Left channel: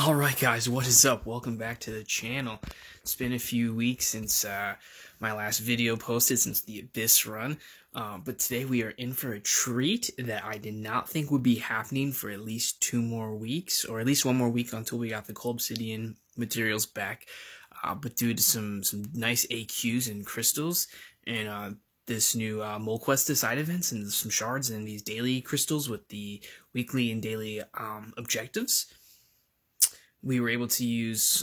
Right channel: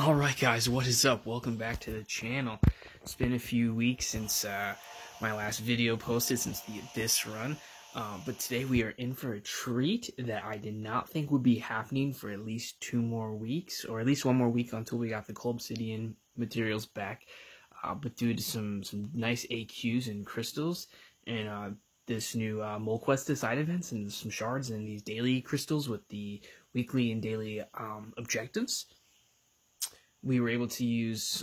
Alright guys, what is up? Welcome back to the channel. It's been a few weeks since my last video posted, since the Abyss run. But today we are in for a treat that I did not think would be happening for at least 2 more weeks, or at least 1 more week until we got the Cold Obsidian materials back. But due to some nice AQs and crystals, and this new Mole Quest side events, and some shards, and these daily crystals with the weekly and daily objectives, we were able to use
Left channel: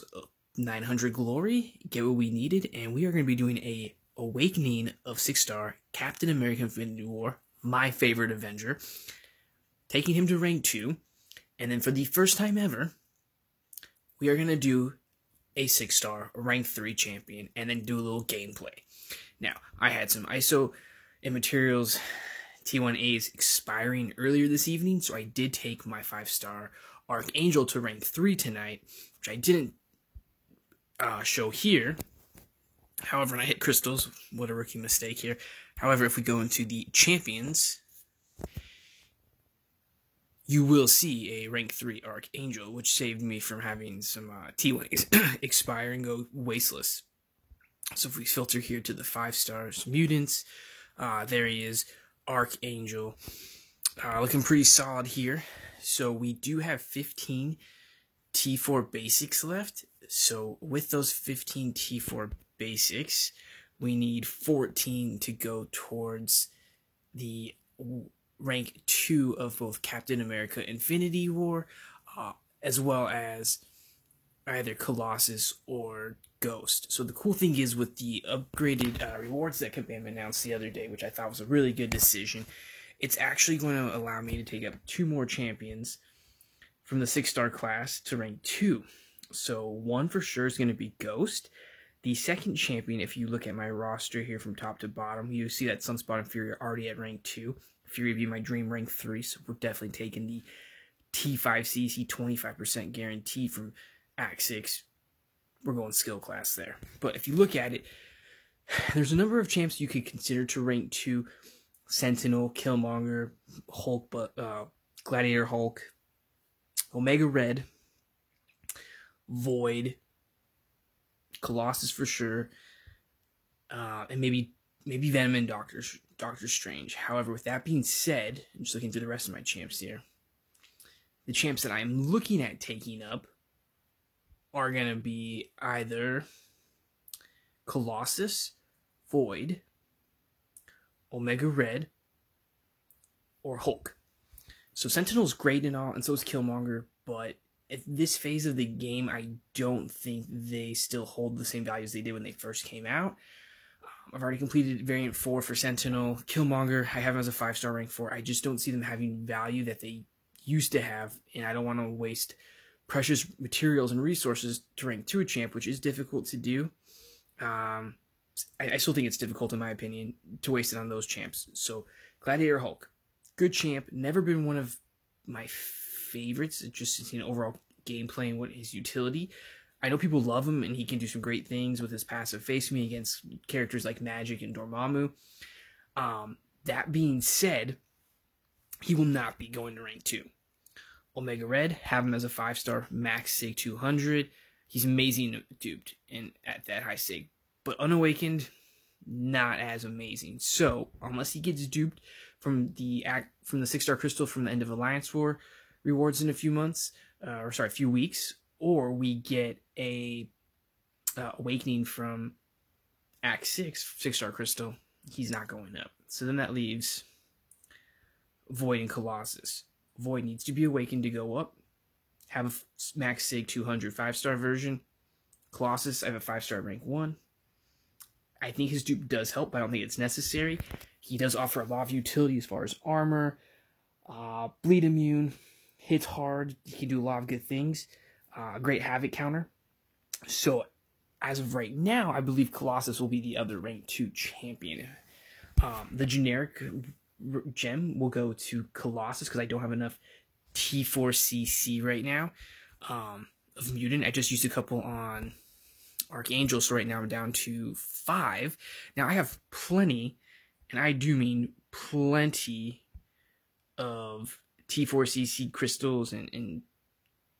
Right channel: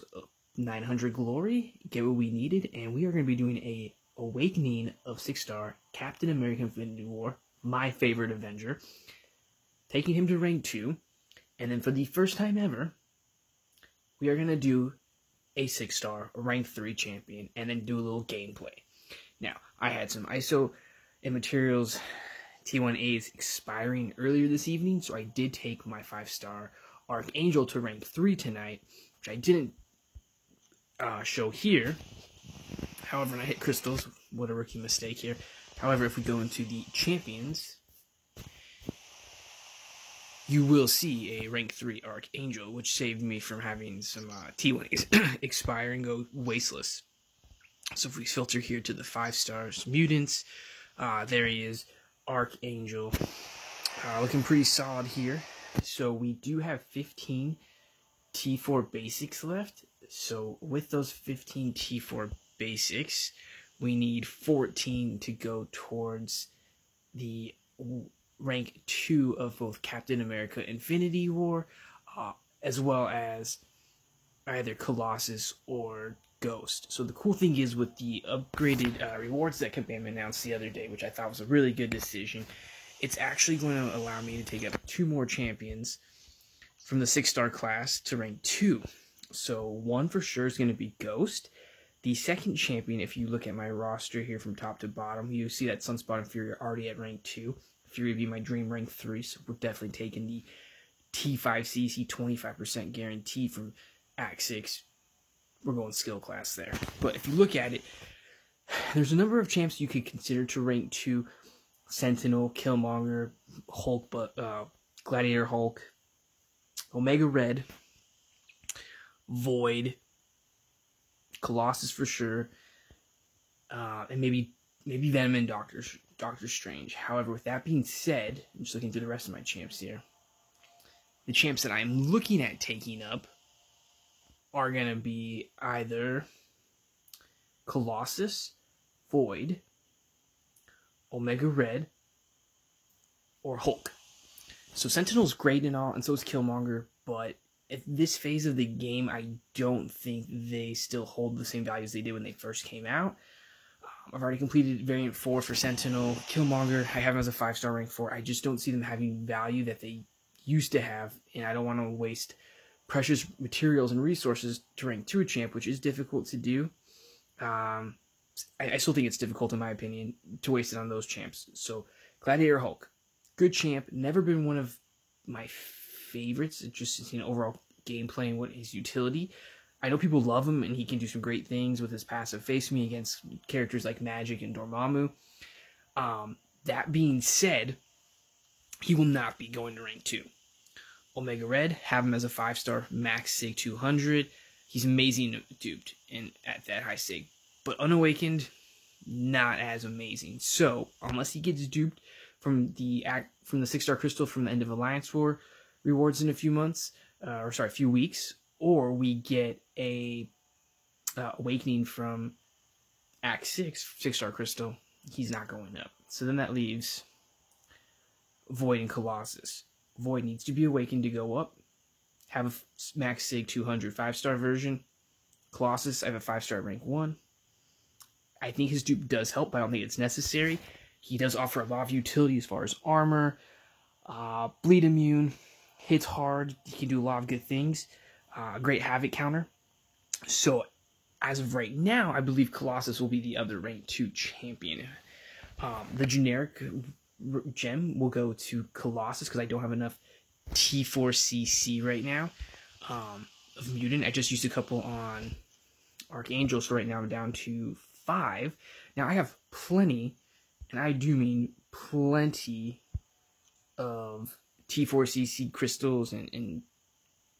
900 glory, get what we needed, and we are going to be doing a Awakening of 6-star Captain America Infinity War, my favorite Avenger, taking him to rank 2, and then for the first time ever, we are going to do a 6-star rank 3 champion, and then do a little gameplay. Now, I had some ISO and materials T1As expiring earlier this evening, so I did take my 5-star Archangel to rank 3 tonight, which I didn't show here. However, and I hit crystals. What a rookie mistake here. However, if we go into the champions, you will see a rank 3 Archangel, which saved me from having some T1As expire and go wasteless. So if we filter here to the 5-stars mutants, there he is, Archangel. Looking pretty solid here. So we do have 15 T4 basics left. So with those 15 T4 basics, we need 14 to go towards the rank 2 of both Captain America Infinity War, as well as either Colossus or Ghost. So the cool thing is, with the upgraded rewards that Kabam announced the other day, which I thought was a really good decision, it's actually going to allow me to take up 2 more champions from the 6-star class to rank 2. So one for sure is going to be Ghost. The second champion, if you look at my roster here from top to bottom, you see that Sunspot and Fury are already at rank 2. Fury would be my dream rank 3, so we're definitely taking the T5CC 25% guarantee from Act 6. We're going skill class there. But if you look at it, there's a number of champs you could consider to rank 2. Sentinel, Killmonger, Hulk, Gladiator Hulk, Omega Red, Void, Colossus for sure, and maybe Venom and Doctor Strange. However, with that being said, I'm just looking through the rest of my champs here. The champs that I'm looking at taking up are going to be either Colossus, Void, Omega Red, or Hulk. So Sentinel's great and all, and so is Killmonger, but at this phase of the game, I don't think they still hold the same values they did when they first came out. I've already completed Variant 4 for Sentinel. Killmonger, I have him as a 5-star rank 4. I just don't see them having value that they used to have, and I don't want to waste precious materials and resources to rank 2 a champ, which is difficult to do. I still think it's difficult, in my opinion, to waste it on those champs. So, Gladiator Hulk, good champ, never been one of my favorites, just overall gameplay and what his utility. I know people love him, and he can do some great things with his passive face me against characters like Magic and Dormammu. That being said, he will not be going to rank 2. Omega Red, have him as a 5-star, max sig 200. He's amazing duped and at that high sig. But unawakened, not as amazing. So, unless he gets duped from the 6-star crystal from the end of Alliance War rewards in a few months, a few weeks, or we get a awakening from Act 6 6-star crystal, he's not going up. So then that leaves Void and Colossus. Void needs to be awakened to go up. Have a max sig 200 5-star version. Colossus, I have a 5-star rank 1. I think his dupe does help, but I don't think it's necessary. He does offer a lot of utility as far as armor, bleed immune, hits hard. He can do a lot of good things. Great havoc counter. So, as of right now, I believe Colossus will be the other rank 2 champion. The generic gem will go to Colossus because I don't have enough T4CC right now of mutant. I just used a couple on Archangel, so right now I'm down to 5. Now I have plenty, and I do mean plenty, of T4CC crystals and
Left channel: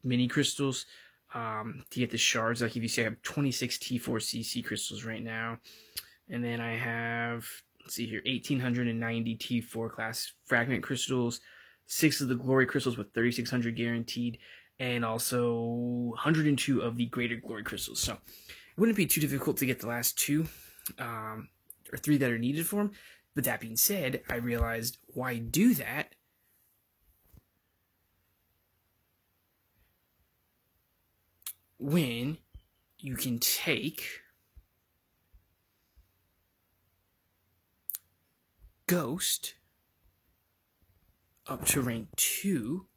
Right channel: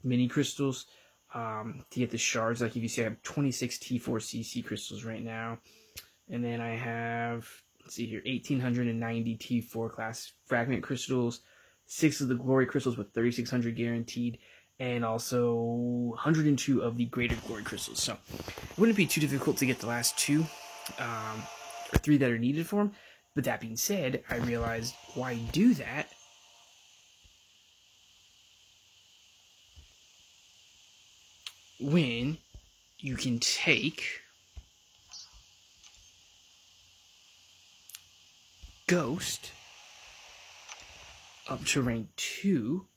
mini crystals to get the shards. Like if you see, I have 26 T4CC crystals right now. And then I have, let's see here, 1,890 T4 class fragment crystals, 6 of the glory crystals with 3,600 guaranteed, and also 102 of the greater glory crystals. So it wouldn't be too difficult to get the last 2 or 3 that are needed for them. But that being said, I realized why do that? When you can take Ghost up to rank 2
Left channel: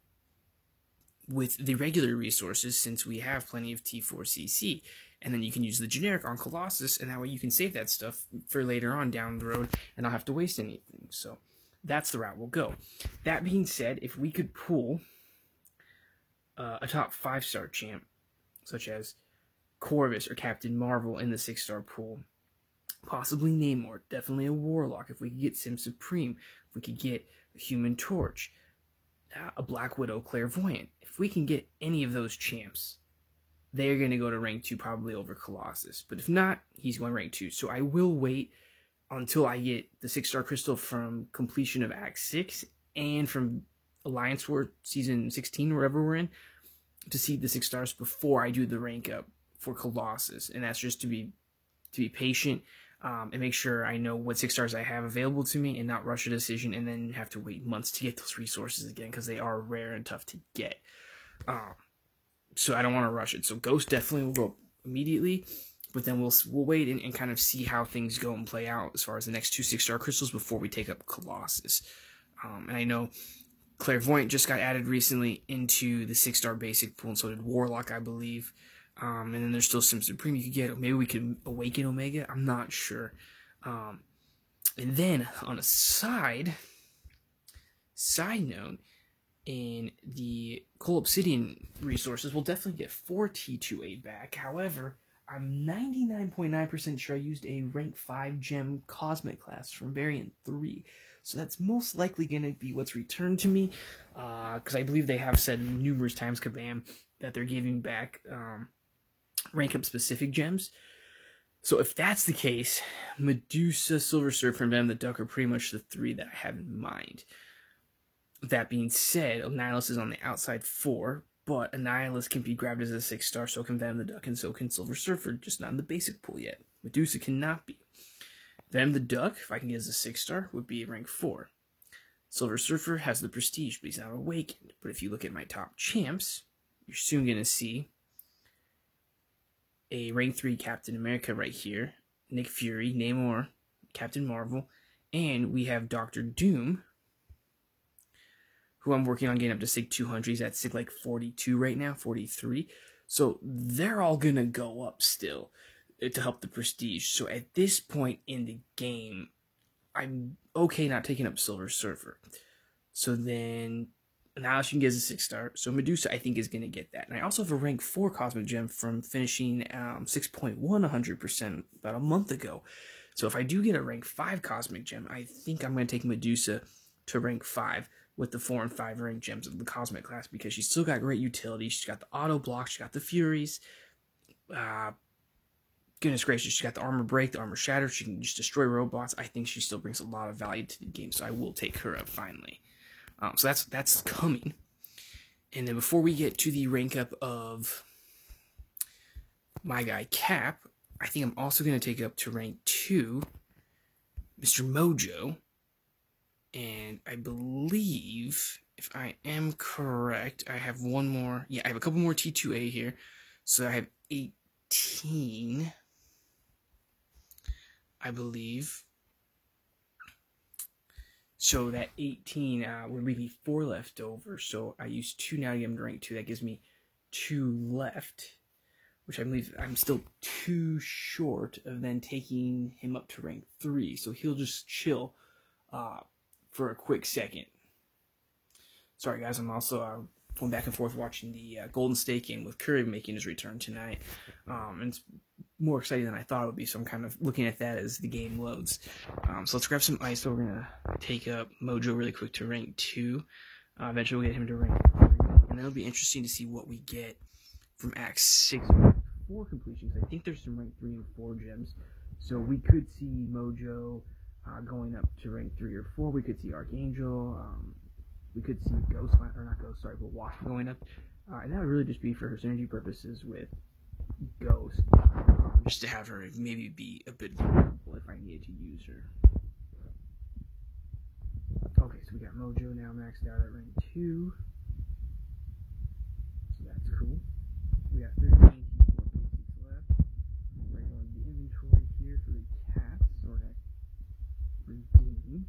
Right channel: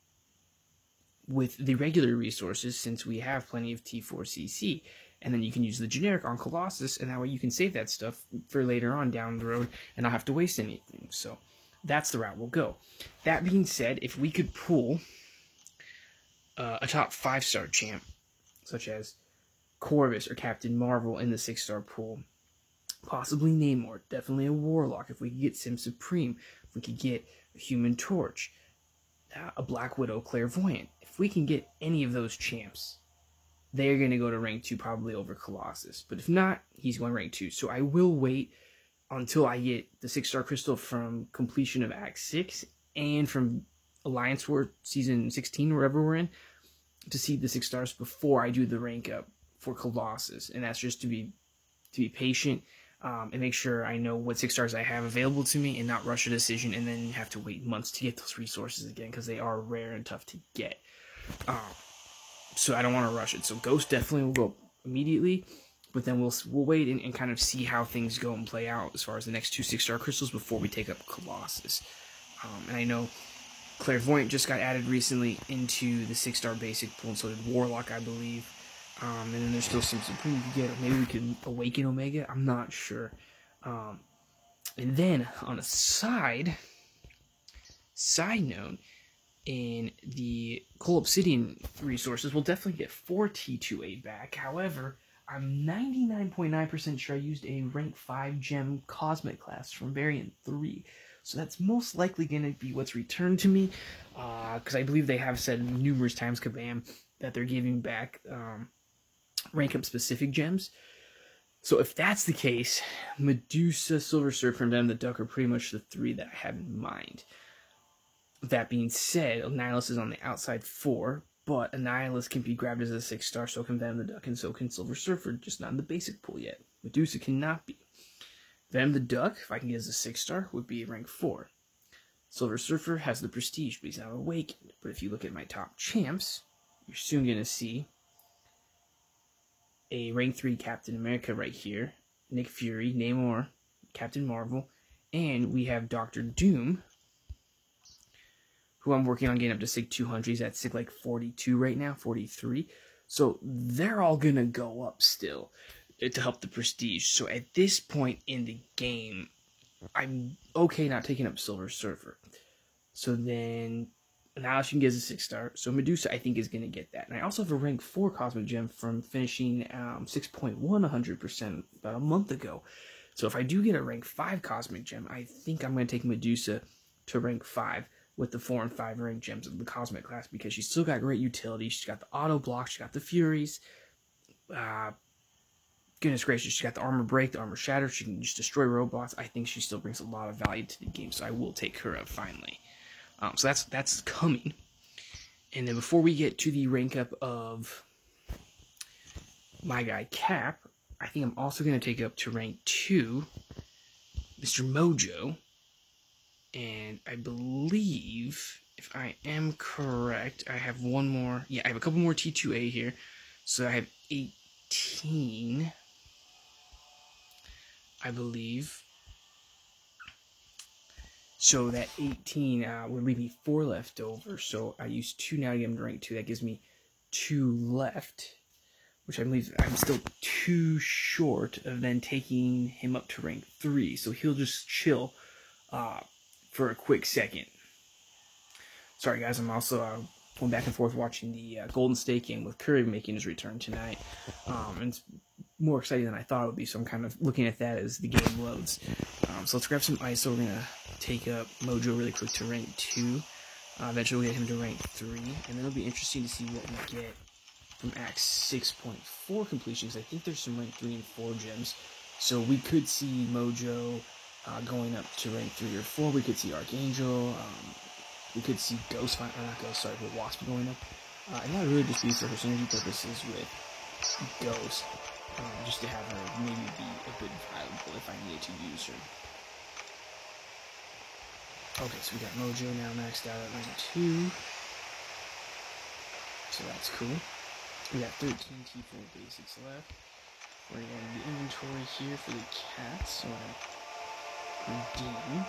with the regular resources, since we have plenty of T4CC, and then you can use the generic on Colossus, and that way you can save that stuff for later on down the road and not have to waste anything. So that's the route we'll go. That being said, if we could pull a top 5-star champ, such as Corvus or Captain Marvel in the 6-star pool, possibly Namor, definitely a Warlock, if we could get Sim Supreme, if we could get a Human Torch, a Black Widow Clairvoyant, if we can get any of those champs, they're going to go to rank 2 probably over Colossus. But if not, he's going rank 2. So I will wait until I get the 6-star crystal from completion of Act 6 and from Alliance War Season 16, wherever we're in, to see the 6 stars before I do the rank up for Colossus. And that's just to be patient and make sure I know what 6 stars I have available to me and not rush a decision and then have to wait months to get those resources again, because they are rare and tough to get. So I don't want to rush it. So Ghost definitely will go immediately, but then we'll wait and kind of see how things go and play out as far as the next 2 6-star crystals before we take up Colossus. And I know Clairvoyant just got added recently into the 6-star basic pool, and so did Warlock, I believe. And then there's still some Supreme you could get, or maybe we could Awaken Omega, I'm not sure. And then, on a side note, in the Cole Obsidian resources, we'll definitely get 4 T2A back. However, I'm 99.9% sure I used a rank 5 gem Cosmic class from Variant 3. So that's most likely going to be what's returned to me, because I believe they have said numerous times, Kabam, that they're giving back rank up specific gems. So if that's the case, Medusa, Silver Surfer, and Venom the Duck are pretty much the 3 that I have in mind. That being said, Annihilus is on the outside 4, but Annihilus can be grabbed as a 6-star, so can Venom the Duck, and so can Silver Surfer, just not in the basic pool yet. Medusa cannot be. Venom the Duck, if I can get as a 6-star, would be rank 4. Silver Surfer has the prestige, but he's not awakened. But if you look at my top champs, you're soon going to see a rank 3 Captain America right here, Nick Fury, Namor, Captain Marvel, and we have Doctor Doom, who I'm working on getting up to SIG 200. He's at SIG like 42 right now, 43. So they're all going to go up still to help the prestige. So at this point in the game, I'm okay not taking up Silver Surfer. So then now she can get a 6-star. So Medusa, I think, is going to get that. And I also have a rank 4 Cosmic Gem from finishing 6.1 100% about a month ago. So if I do get a rank 5 Cosmic Gem, I think I'm going to take Medusa to rank 5 with the 4 and 5 rank gems of the Cosmic class, because she's still got great utility. She's got the auto block, she's got the Furies. Goodness gracious, she's got the armor break, the armor shatter. She can just destroy robots. I think she still brings a lot of value to the game, so I will take her up finally. So that's coming. And then before we get to the rank up of my guy Cap, I think I'm also going to take up to rank 2 Mr. Mojo. And I believe, if I am correct, I have one more. Yeah, I have a couple more T2A here. So I have 18, I believe. So that 18 would leave me 4 left over. So I use 2 now to get him to rank 2. That gives me 2 left, which I believe I'm still 2 short of then taking him up to rank 3. So he'll just chill for a quick second. Sorry guys, I'm also going back and forth watching the Golden State game with Curry making his return tonight. And it's more exciting than I thought it would be, so I'm kind of looking at that as the game loads. So let's grab some ice. So we're going to take up Mojo really quick to rank 2. Eventually we'll get him to rank 3. And then it'll be interesting to see what we get from Act 6.4 completions. I think there's some rank 3 and 4 gems. So we could see Mojo going up to rank 3 or 4. We could see Archangel. We could see Ghost, or not Ghost, sorry, but Wasp going up. And that would really just be for her synergy purposes with Ghost. Just to have her maybe be a bit valuable if I needed to use her. Okay, so we got Mojo now maxed out at rank 2. So that's cool. We got 13 T4 basics left. We're going to the inventory here for the cats. So I redeem.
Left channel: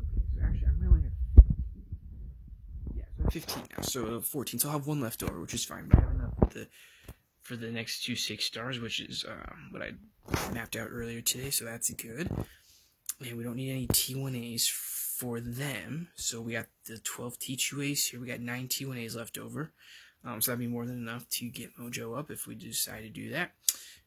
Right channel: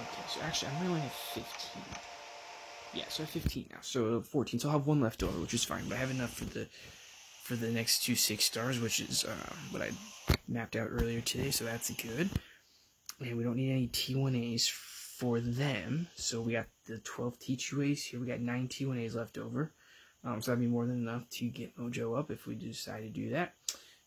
Okay, so actually I only have 15. Yeah, so I have 15 now. So 14. So I'll have one left over, which is fine. But I have enough for the next 2 6 stars, which is what I mapped out earlier today. So that's good. And we don't need any T1As for them. So we got the 12 T2As here. We got 9 T1As left over. So that'd be more than enough to get Mojo up if we decide to do that.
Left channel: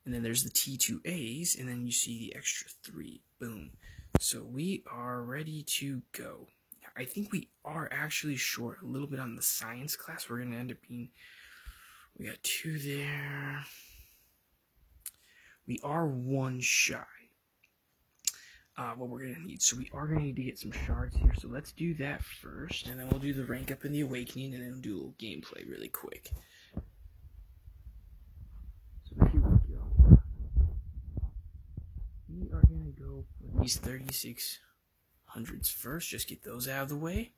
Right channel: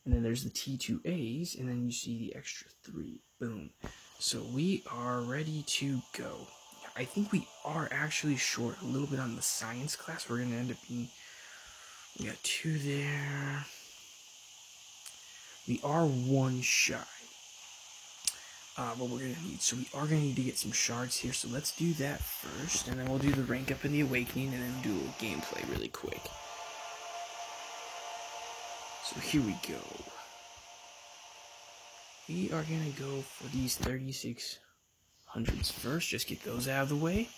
And then there's the T2As, and then you see the extra 3. Boom. So we are ready to go. I think we are actually short a little bit on the science class. We're going to end up being... We got 2 there. We are 1 shy. What we're going to need. So we are going to need to get some shards here. So let's do that first. And then we'll do the rank up in the awakening. And then do a little gameplay really quick. So here we go. We are going to go for these 3600s first. Just get those out of the way.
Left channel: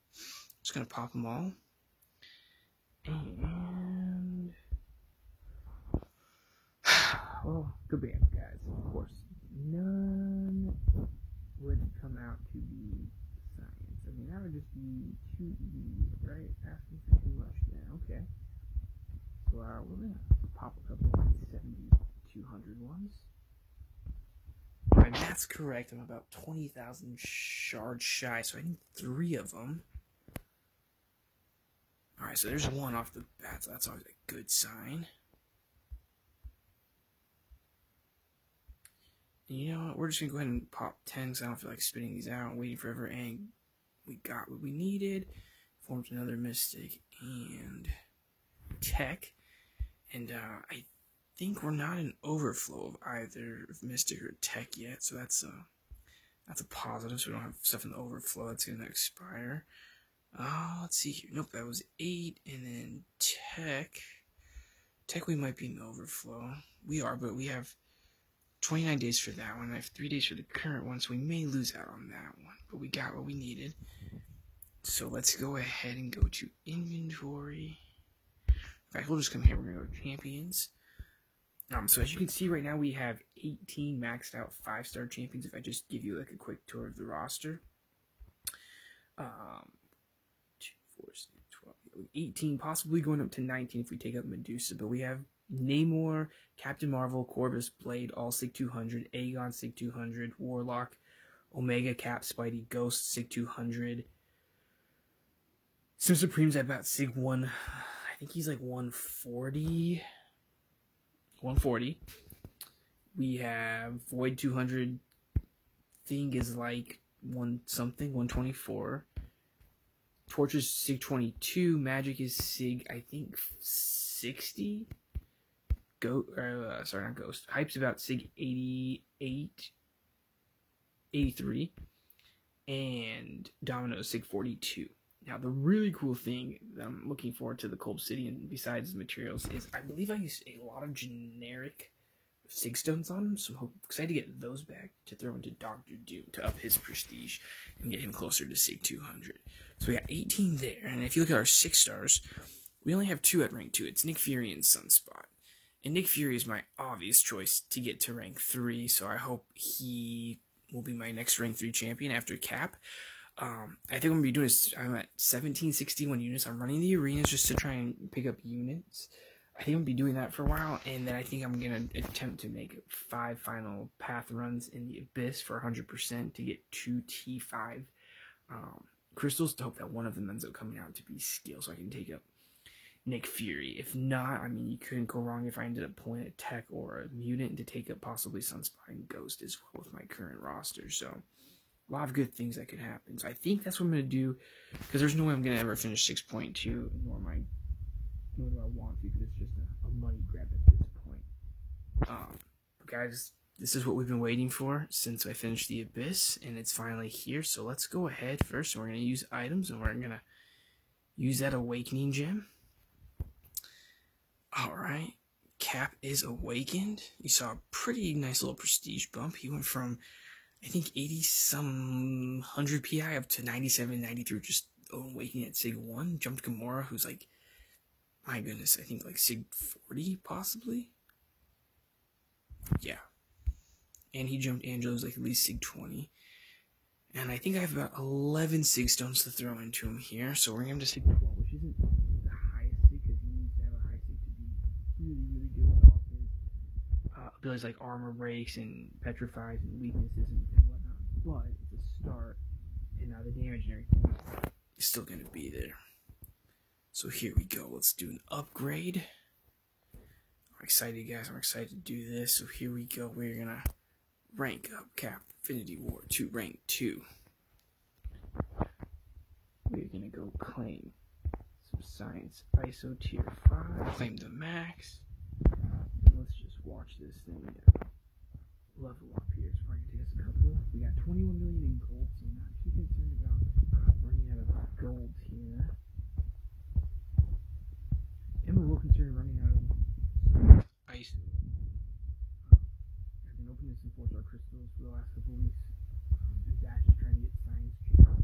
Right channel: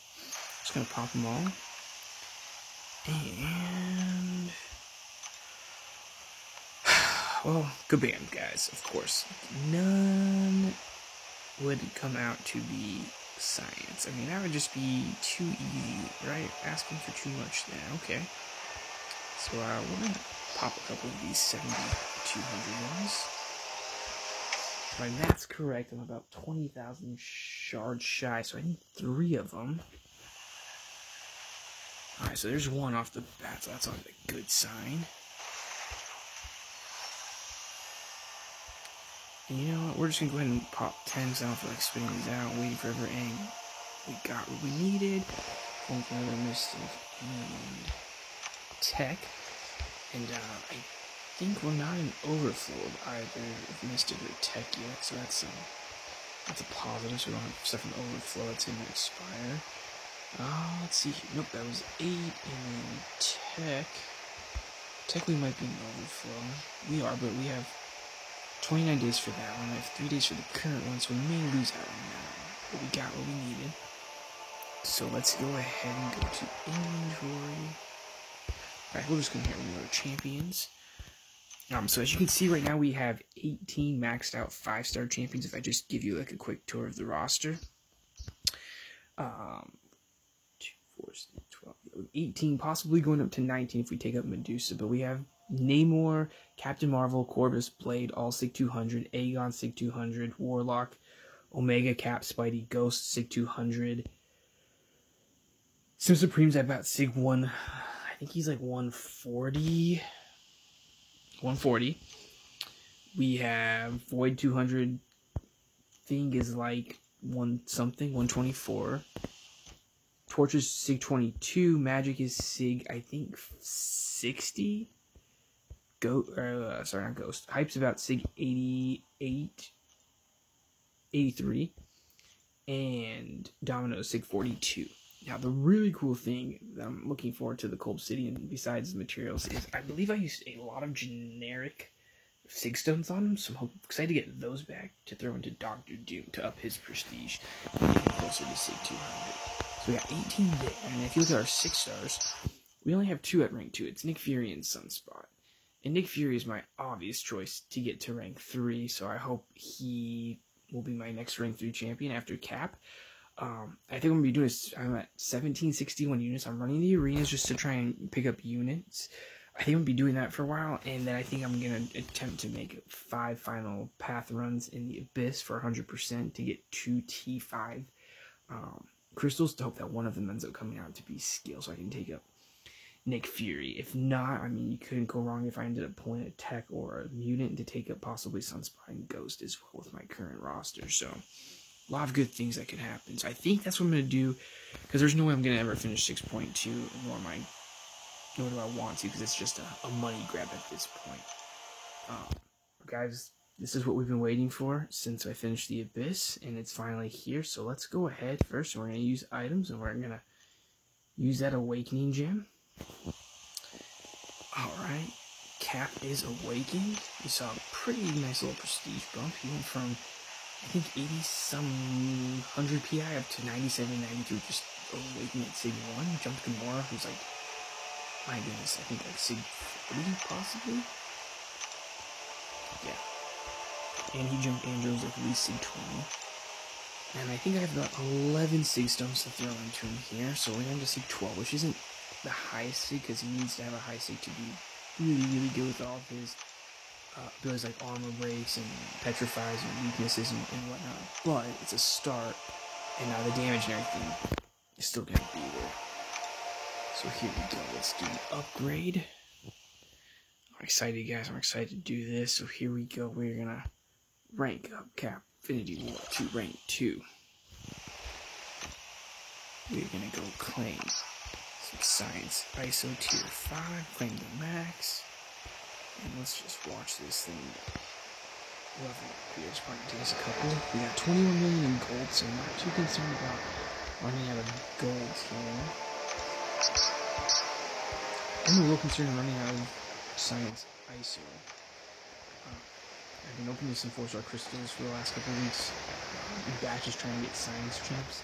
Just going to pop them all. And... well, good band, guys, of course. None would come out to be science. I mean, that would just be too easy, right? Asking for too much there. Okay. So, we're going to pop a couple of these 7200 ones. If my math's correct, I'm about 20,000 shards shy, so I need 3 of them. Alright, so there's 1 off the bat, so that's always a good sign. And you know what, we're just going to go ahead and pop 10 because I don't feel like spinning these out, waiting forever, and we got what we needed. Going for another Mystic and Tech. And I think we're not in overflow of either of Mystic or Tech yet, so that's a positive, so we don't have stuff in overflow that's going to expire. Let's see here. Nope, that was 8, and then Tech. Tech we might be in overflow. We are, but we have 29 days for that one. I have 3 days for the current one, so we may lose out on that one. But we got what we needed. So let's go ahead and go to inventory. Alright, we'll just come here. We're going to go to champions. So as you can see right now, we have 18 maxed out 5-star champions. If I just give you like a quick tour of the roster. 2, 4, 12, 18, possibly going up to 19 if we take up Medusa. But we have Namor, Captain Marvel, Corvus, Blade, all Sig 200, Aegon, Sig 200, Warlock, Omega, Cap, Spidey, Ghost, Sig 200. Sim Supreme's at about Sig 1, I think he's like 140. 140. We have Void 200, Thing is like 124. Torch is Sig 22, Magic is Sig, I think, 60. Sorry, not Ghost. Hype's about Sig 88, 83, and Domino's Sig 42. Now, the really cool thing that I'm looking forward to the Cold Obsidian, besides the materials, is I believe I used a lot of generic Sig Stones on him, so I'm excited to get those back to throw into Doctor Doom to up his prestige and get him closer to Sig 200. So we got 18 there, and if you look at our 6 stars, we only have 2 at rank 2. It's Nick Fury and Sunspot. And Nick Fury is my obvious choice to get to rank 3, so I hope he will be my next rank 3 champion after Cap. I think I'm going to be doing this. I'm at 1761 units. I'm running the arenas just to try and pick up units. I think I'm going to be doing that for a while, and then I think I'm going to attempt to make 5 final path runs in the Abyss for 100% to get 2 T5 crystals to hope that one of them ends up coming out to be skill, so I can take up Nick Fury. If not, I mean, you couldn't go wrong if I ended up pulling a Tech or a Mutant to take up possibly Sunspot and Ghost as well with my current roster. So, a lot of good things that could happen. So, I think that's what I'm going to do, because there's no way I'm going to ever finish 6.2, nor am I nor do I want to, because it's just a money grab at this point. Guys, this is what we've been waiting for since I finished the Abyss, and it's finally here. So let's go ahead first, and we're going to use items, and we're going to use that Awakening Gem. Alright, Cap is awakened. We saw a pretty nice little prestige bump. He went from, I think, 80-some 100 PI up to 97, 93, just awakening at Sig 1. Jumped Gamora, who's like, my goodness, I think like Sig 40, possibly? Yeah. And he jumped Andros like at least Sig 20. And I think I have about 11 Sig Stones to throw into him here. So we're going to Sig 12, which isn't the highest Sig, because he needs to have a high Sig to be really, really good with all of his abilities like armor breaks and petrifies and weaknesses and whatnot. But it's a start, and now the damage and everything is still going to be there. So here we go. Let's do the upgrade. I'm excited, guys. I'm excited to do this. So here we go. We're going to rank up Cap Infinity War to rank 2. We're going to go claim some Science ISO tier 5. Claim the max. And let's just watch this thing level up here. It's probably going to take us a couple. We got 21 million in gold, so I'm not too concerned about running out of gold here. I'm a little concerned running out of Science ISO. I've been opening some 4-star crystals for the last couple of weeks in batches trying to get Science chips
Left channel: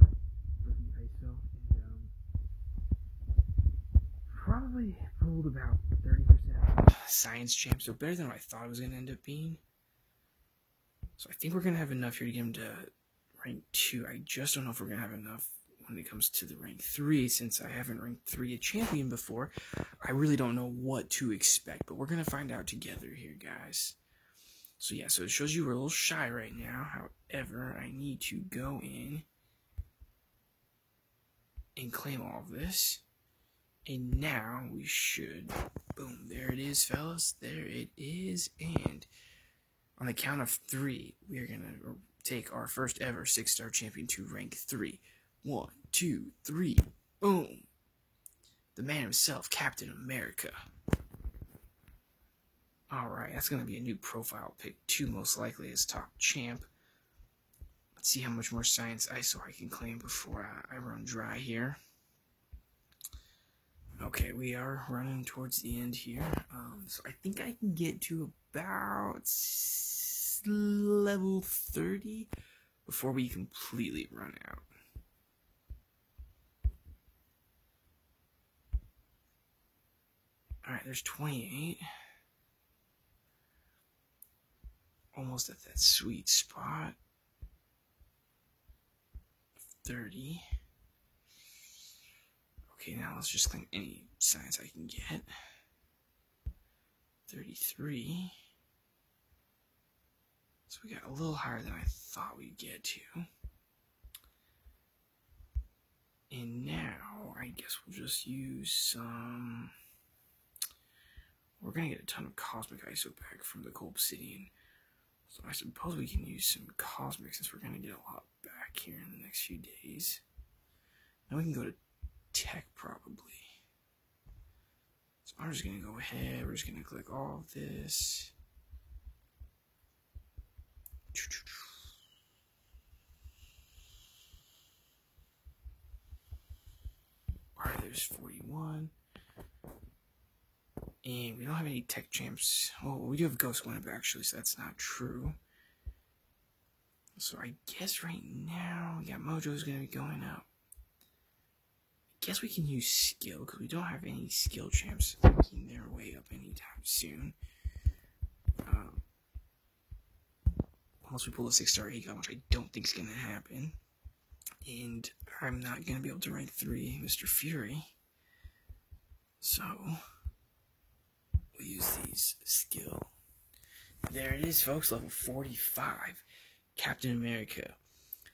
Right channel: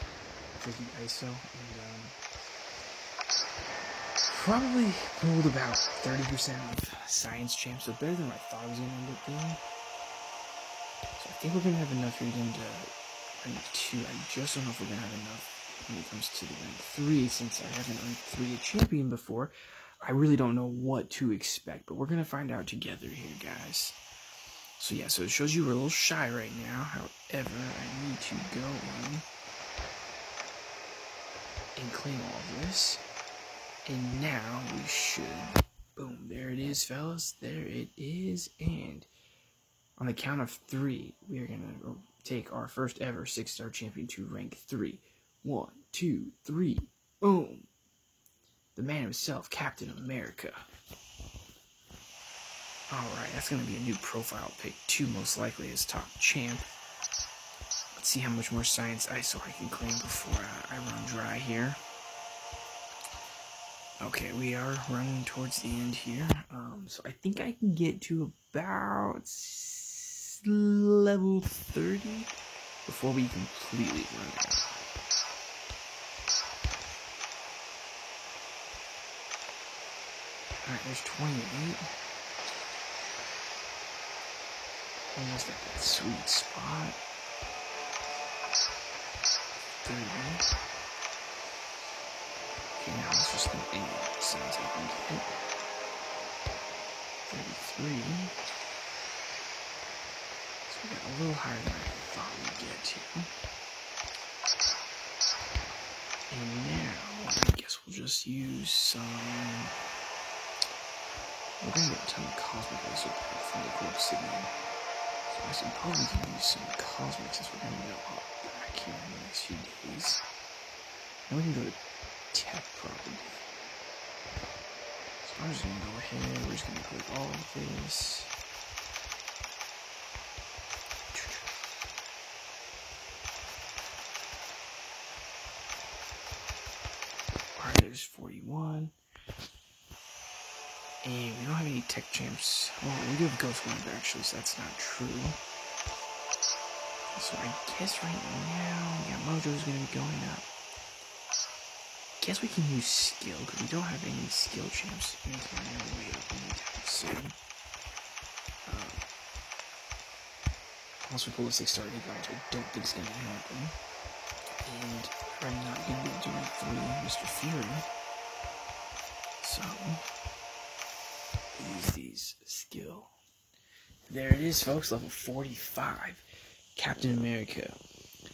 for the ISO, and probably pulled about 30% of Science champs, so better than what I thought it was going to end up being. So I think we're going to have enough here to get him to rank 2. I just don't know if we're going to have enough when it comes to the rank 3, since I haven't ranked 3 a champion before. I really don't know what to expect, but we're going to find out together here, guys. So yeah, so it shows you we're a little shy right now. However, I need to go in and claim all of this. And now we should, boom, there it is, fellas. There it is. And on the count of 3, we are going to take our first ever 6-star champion to rank 3. 1, 2, 3, boom. The man himself, Captain America. Alright, that's going to be a new profile pick too, most likely as top champ. Let's see how much more Science ISO I can claim before I run dry here. Okay, we are running towards the end here. So I think I can get to about level 30 before we completely run out. Alright, there's 28. Almost at that sweet spot. 30. Okay, now let's just spend any Science I can get. 33. So we got a little higher than I thought we'd get to. And now, I guess we'll just use some... We're gonna get a ton of Cosmic ISO back from the Cold Obsidian. So I suppose we can use some Cosmic, since we're gonna get a lot back here in the next few days. Now we can go to Tech, probably. So I'm just gonna go ahead, we're just gonna click all of this. Alright, there's 41. And we don't have any tech champs. Well, we do have Ghost Wimp, actually, so that's not true. So I guess right now, yeah, Mojo's gonna be going up. Guess we can use skill, because we don't have any skill champs making their way up anytime soon. Unless we pull a 6-star Eagle, which I don't think is gonna happen. And I'm not gonna be able to rank 3 Mr. Fury. So use these skill. There it is, folks, level 45. Captain America.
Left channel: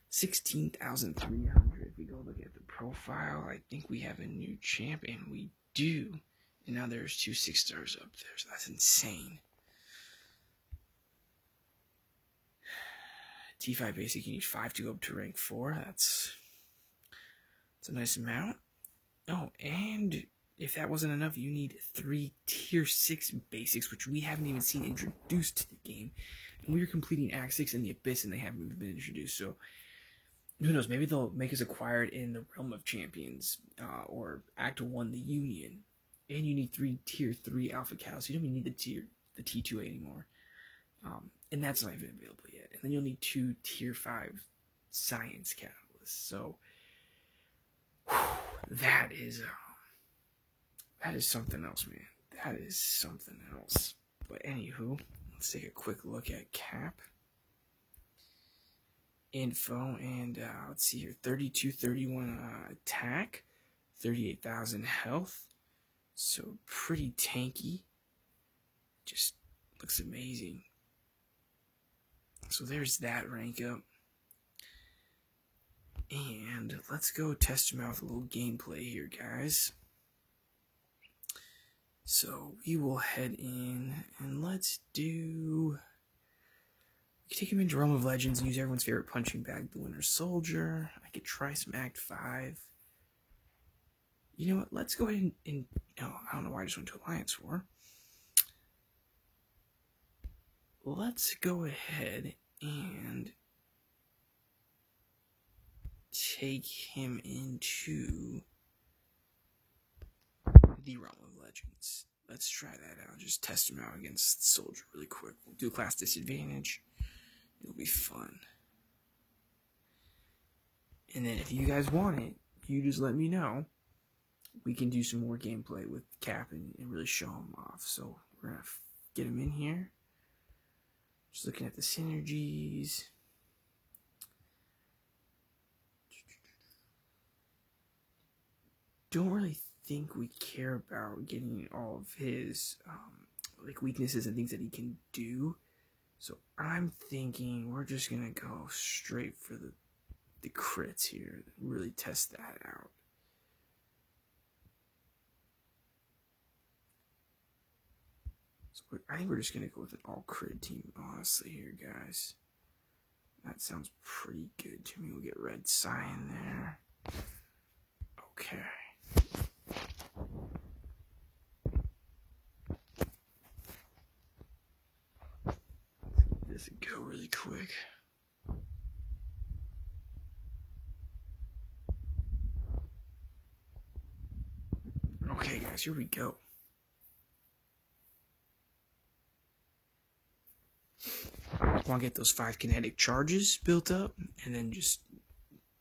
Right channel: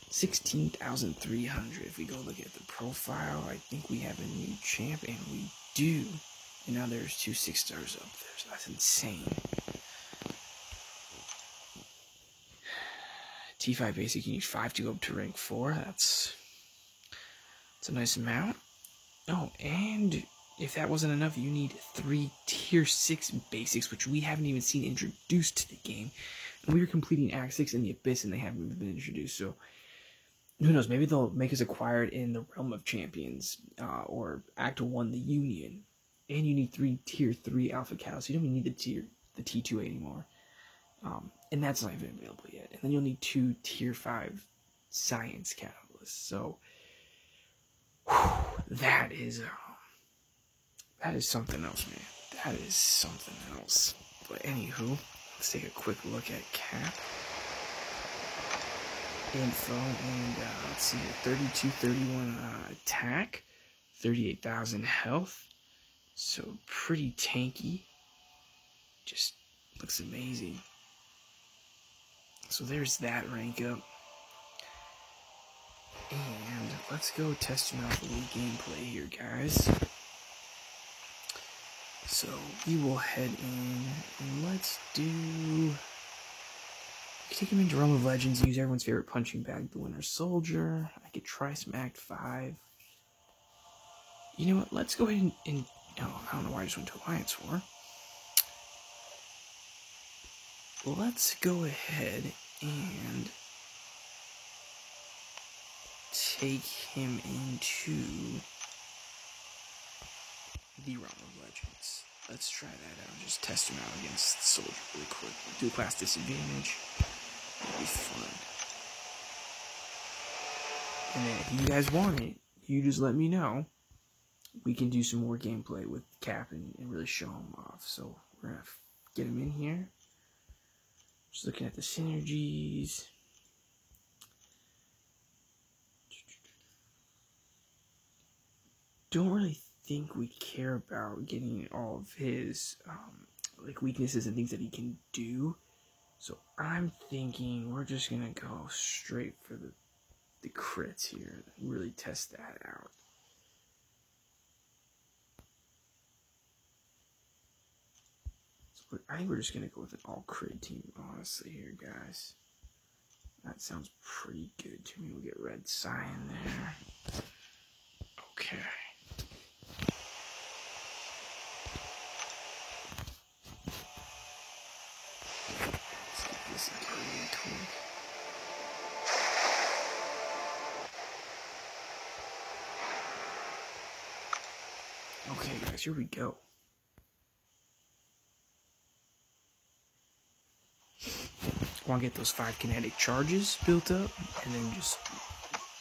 16,300. If we go look at the profile, I think we have a new champ, and we do. And now there's 2 6-stars up there, so that's insane. T5 basic, you need 5 to go up to rank 4. That's a nice amount. Oh, and if that wasn't enough, you need 3 tier 6 basics, which we haven't even seen introduced to the game. And we are completing Act 6 in the Abyss, and they haven't even been introduced. So who knows? Maybe they'll make us acquired in the Realm of Champions, or Act 1, the Union. And you need 3 tier 3 Alpha Catalysts. You don't even need the T2 anymore. And that's not even available yet. And then you'll need 2 tier 5 Science Catalysts. So that is something else, man. That is something else. But anywho, let's take a quick look at Cap info, and let's see here, 3231 attack, 38,000 health, so pretty tanky, just looks amazing. So there's that rank up, and let's go test him out with a little gameplay here, guys. So we will head in, and let's do... I could take him into Realm of Legends and use everyone's favorite punching bag, the Winter Soldier. I could try some Act 5. You know what? Let's go ahead and no, I don't know why I just went to Alliance War. Let's go ahead and take him into the Realm of Legends. Let's try that out. Just test him out against the Soldier really quick. Do a class disadvantage. It'll be fun. And then if you guys want it, you just let me know. We can do some more gameplay with Cap and really show him off. So we're going to get him in here. Just looking at the synergies. Don't really think we care about getting all of his like weaknesses and things that he can do. So I'm thinking we're just gonna go straight for the crits here and really test that out. So I think we're just gonna go with an all crit team, honestly, here, guys. That sounds pretty good to me. We'll get Red Sign there. Okay. This will go really quick. Okay, guys, here we go. I want to get those 5 kinetic charges built up, and then just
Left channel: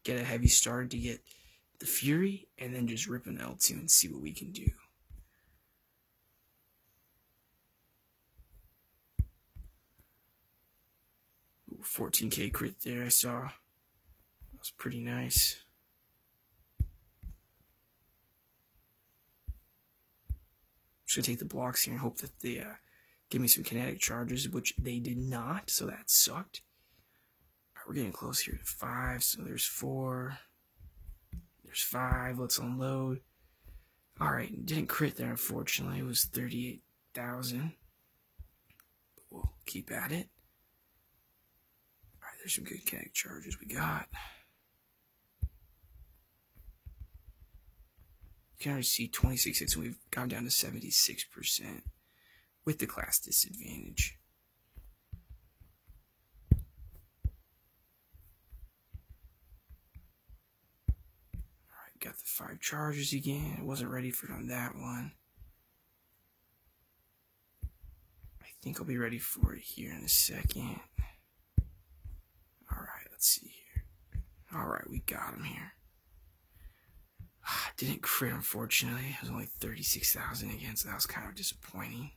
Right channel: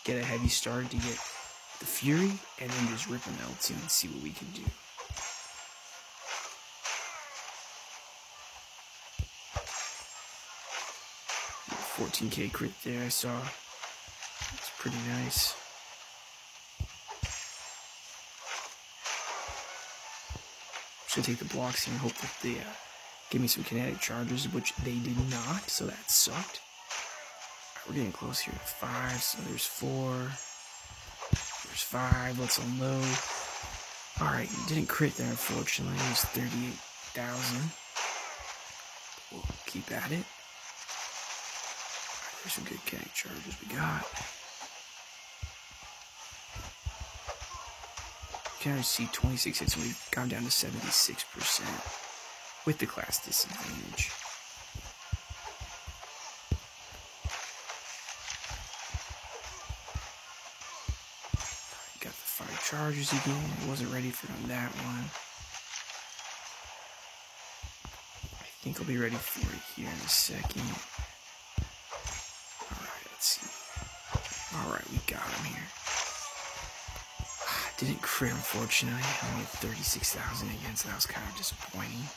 get a heavy start to get the Fury, and then just rip an L2 and see what we can do. 14k crit there, I saw. It's pretty nice. I'm just gonna take the blocks here and hope that they give me some kinetic charges, which they did not, so that sucked. Alright, we're getting close here to 5, so there's 4. There's 5, let's unload. Alright, didn't crit there, unfortunately. It was 38,000. We'll keep at it. Alright, there's some good kinetic charges we got. You can already see 26 hits, and we've gone down to 76% with the class disadvantage. Alright, got the 5 charges again. I wasn't ready for that one. I think I'll be ready for it here in a second. Alright, let's see. Alright, we got him here. Didn't crit, unfortunately. Only 36,000 again, so that was kind of disappointing.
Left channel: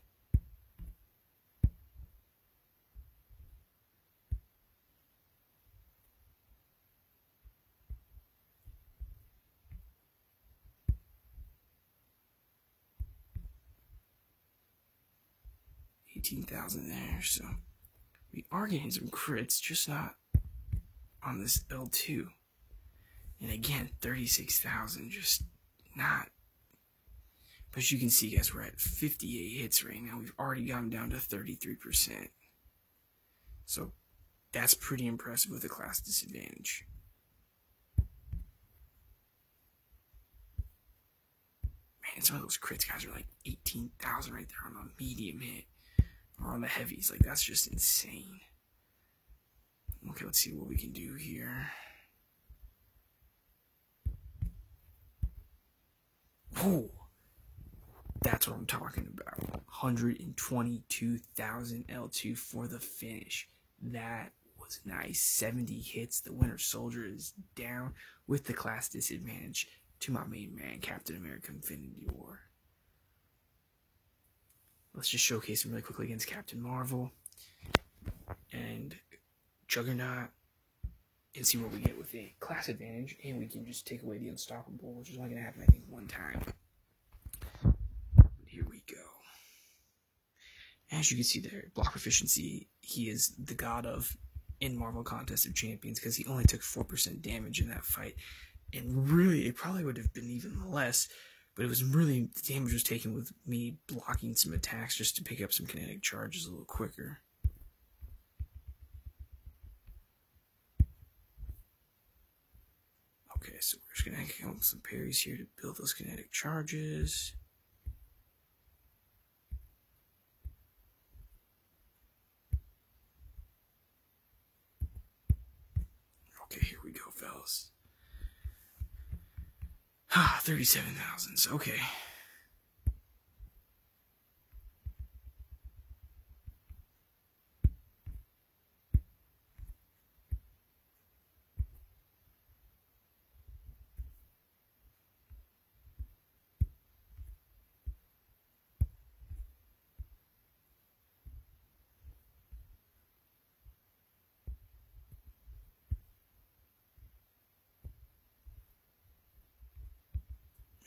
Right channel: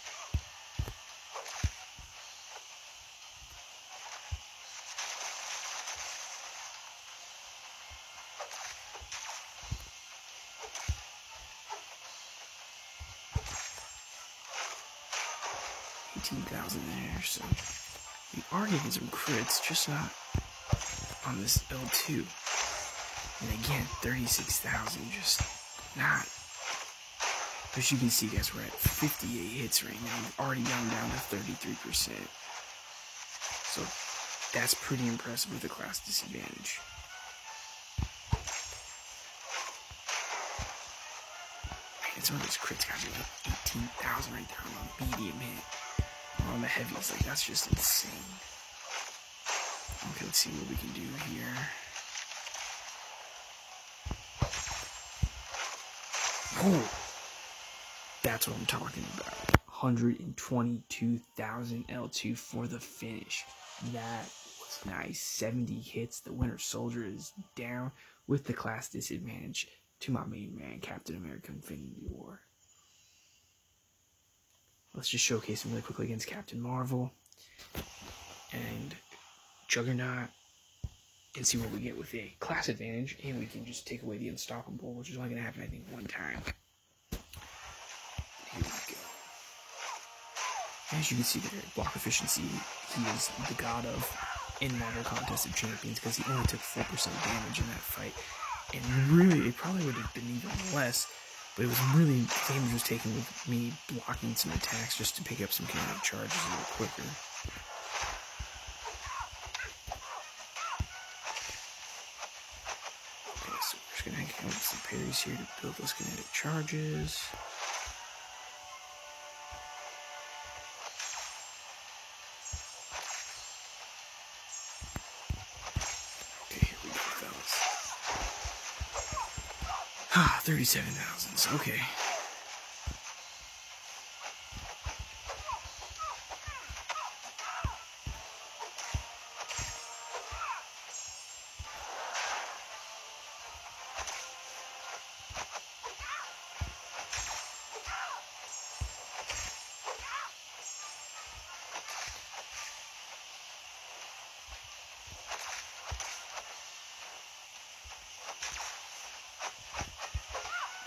$18,000 there, so we are getting some crits, just not on this L2. And again, 36,000, just not. But as you can see, guys, we're at 58 hits right now. We've already gone down to 33%. So that's pretty impressive with the class disadvantage. And some of those crits guys are like 18,000 right there on a medium hit. Or on the heavies, like that's just insane. Okay, let's see what we can do here. Oh, that's what I'm talking about. 122,000 L2 for the finish. That was nice. 70 hits. The Winter Soldier is down with the class disadvantage to my main man, Captain America Infinity War. Let's just showcase him really quickly against Captain Marvel and Juggernaut and see what we get with a class advantage. And we can just take away the Unstoppable, which is only going to happen, I think, one time. Here we go. As you can see there, block efficiency, he is the god of in Marvel Contest of Champions because he only took 4% damage in that fight. And really, it probably would have been even less, but it was really, damage was taken with me blocking some attacks just to pick up some kinetic charges a little quicker. Okay, so we're just going to count some parries here to build those kinetic charges. Okay, here we go, fellas. 37,000, okay.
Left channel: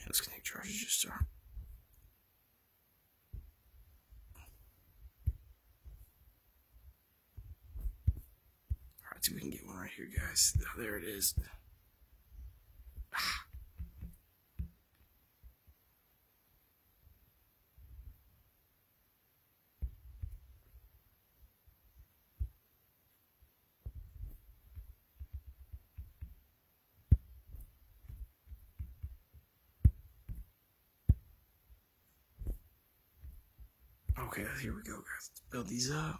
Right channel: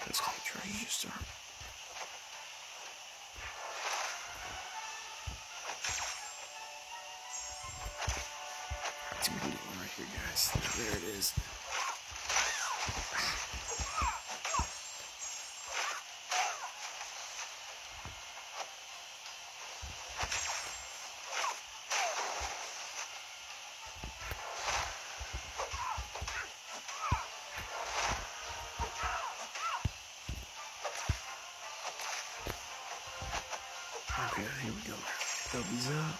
Those kinetic charges just start. Alright, so we can get one right here, guys. Now, there it is. Okay, here we go. Build these up.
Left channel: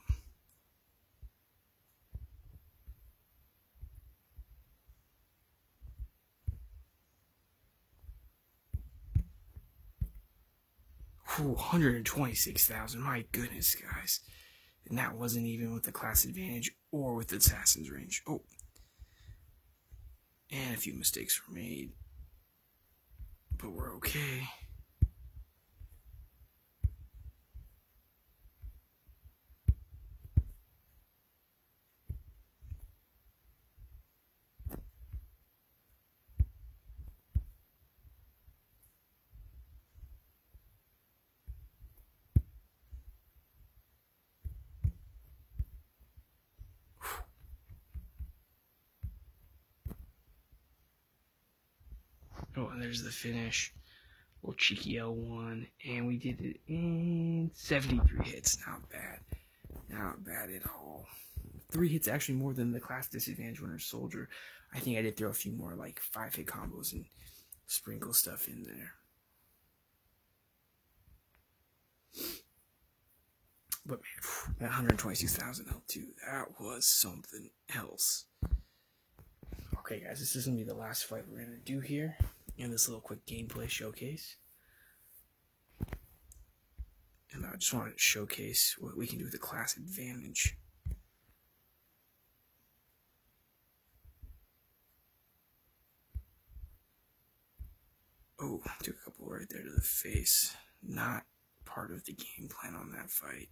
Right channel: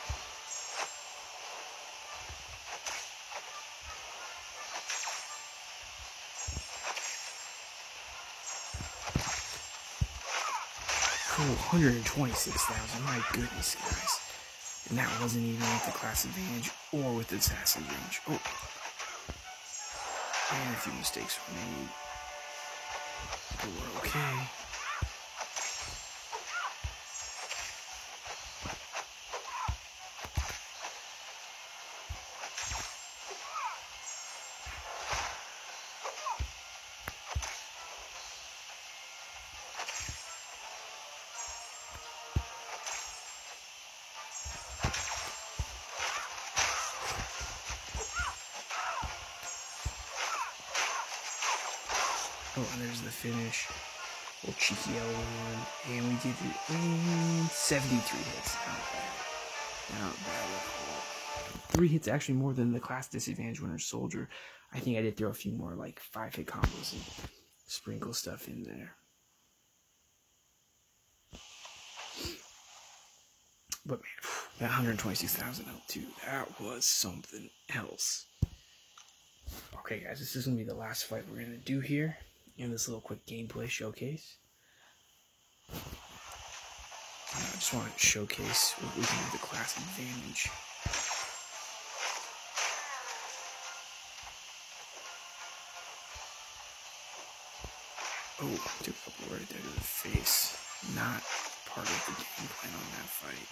Oh, 126,000. My goodness, guys. And that wasn't even with the class advantage or with the assassin's range. Oh. And a few mistakes were made. But we're okay. Oh, and there's the finish. Little cheeky L1. And we did it in 73 hits. Not bad. Not bad at all. 3 hits actually more than the class disadvantage Winter Soldier. I think I did throw a few more like 5-hit combos and sprinkle stuff in there. But man, that 122,000 L2, that was something else. Okay, guys, this is going to be the last fight we're going to do here in this little quick gameplay showcase. And I just want to showcase what we can do with the class advantage. Oh, took a couple right there to the face. Not part of the game plan on that fight.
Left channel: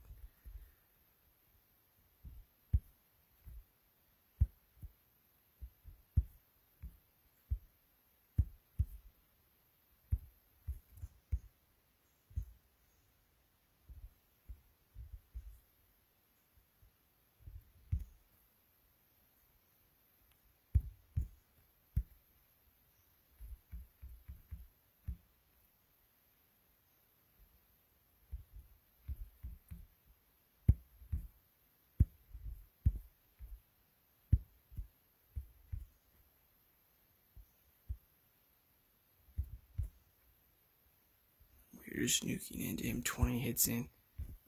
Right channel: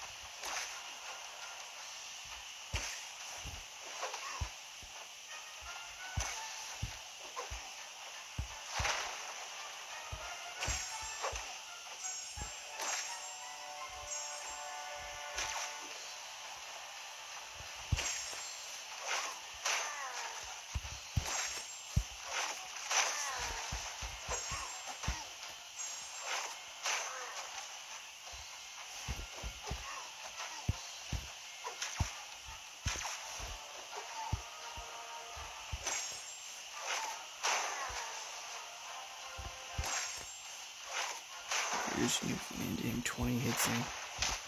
Pierce nuking into him. 20 hits in.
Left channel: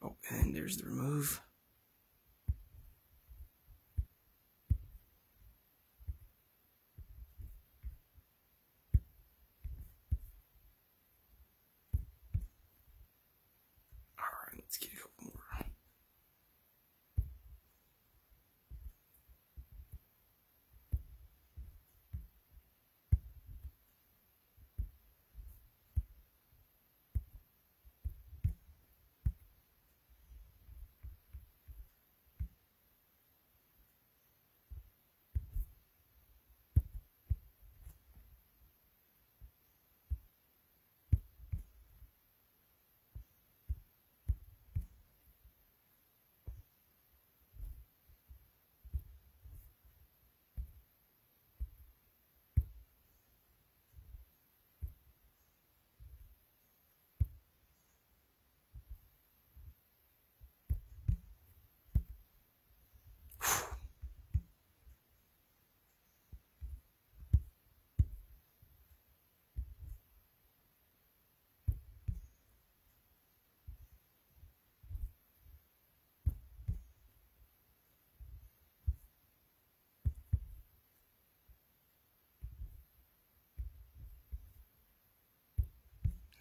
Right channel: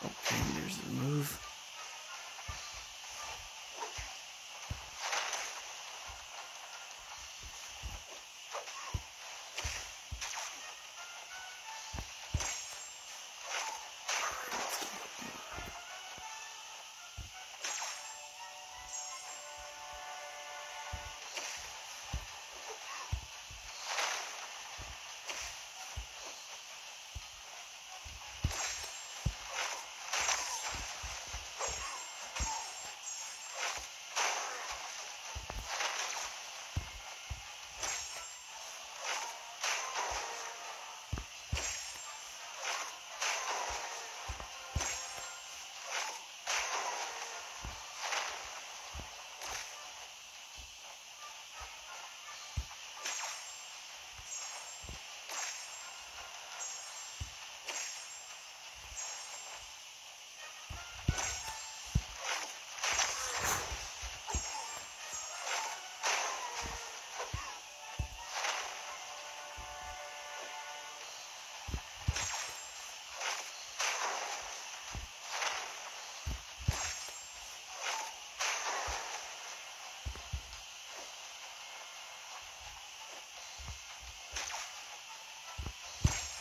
Oh, and there's the remove.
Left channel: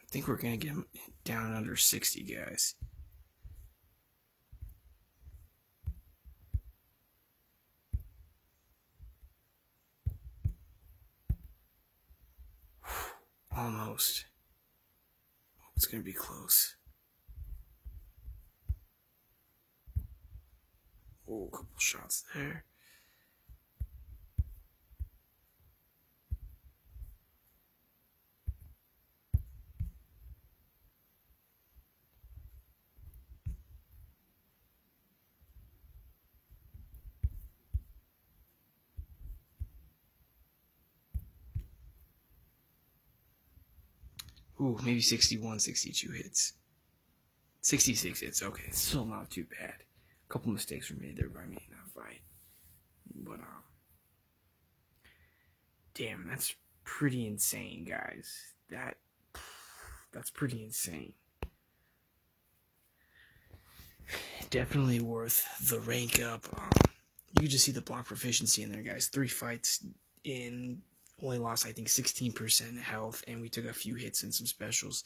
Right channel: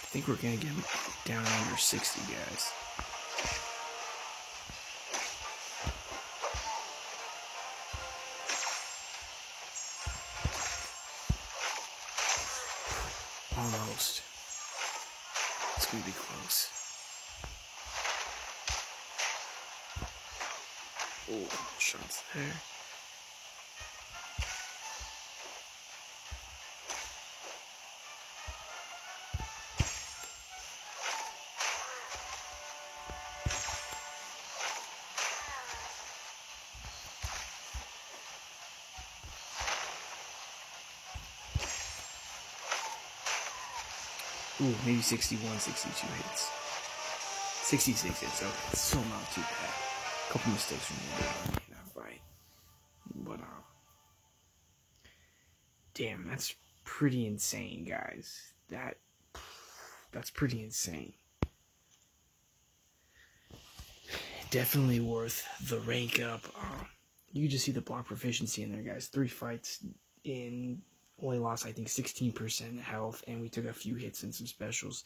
I think we're going to get him down under 60, guys. Almost. It's going to be close. Oh, shots there. Ooh, maybe 61, 62 hits. 66 hits, okay. It's still not too bad. A couple mistakes from me there by me in that fight. But, damn, that's pretty insane, guys. That's pretty insane. Definitely worth the rank up. You just see the block proficiency in there, guys. 3 fights in, only lost, I think, 16% health, and we took a few hits and some specials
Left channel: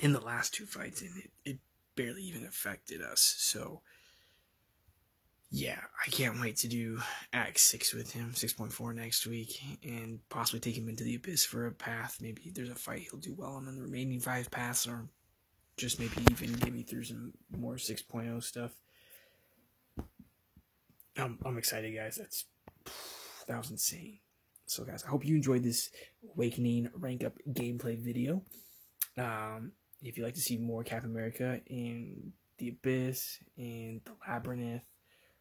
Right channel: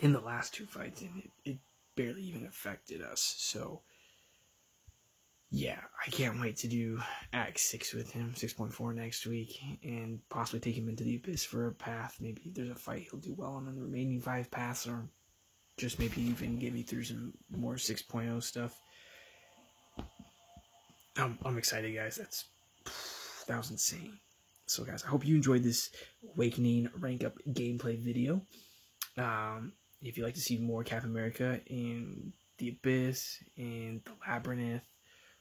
in the last 2 fights, and it barely even affected us. So, yeah, I can't wait to do Act 6 with him, 6.4 next week, and possibly take him into the Abyss for a path. Maybe there's a fight he'll do well on the remaining 5 paths, or just maybe even get me through some more 6.0 stuff. I'm excited, guys. That was insane. So, guys, I hope you enjoyed this Awakening rank up gameplay video. If you'd like to see more Captain America in the Abyss, in the Labyrinth,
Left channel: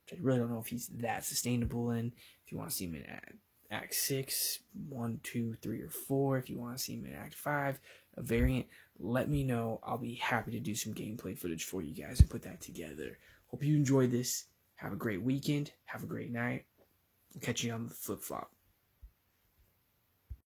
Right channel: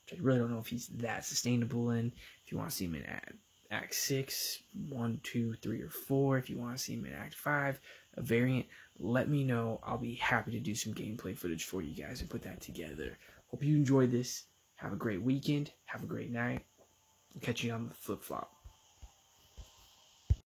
which I really don't know if he's that sustainable in. If you want to see him in Act 6, 1, 2, 3, or 4. If you want to see him in Act 5, a variant, let me know. I'll be happy to do some gameplay footage for you guys and put that together. Hope you enjoyed this. Have a great weekend. Have a great night. We'll catch you on the flip-flop.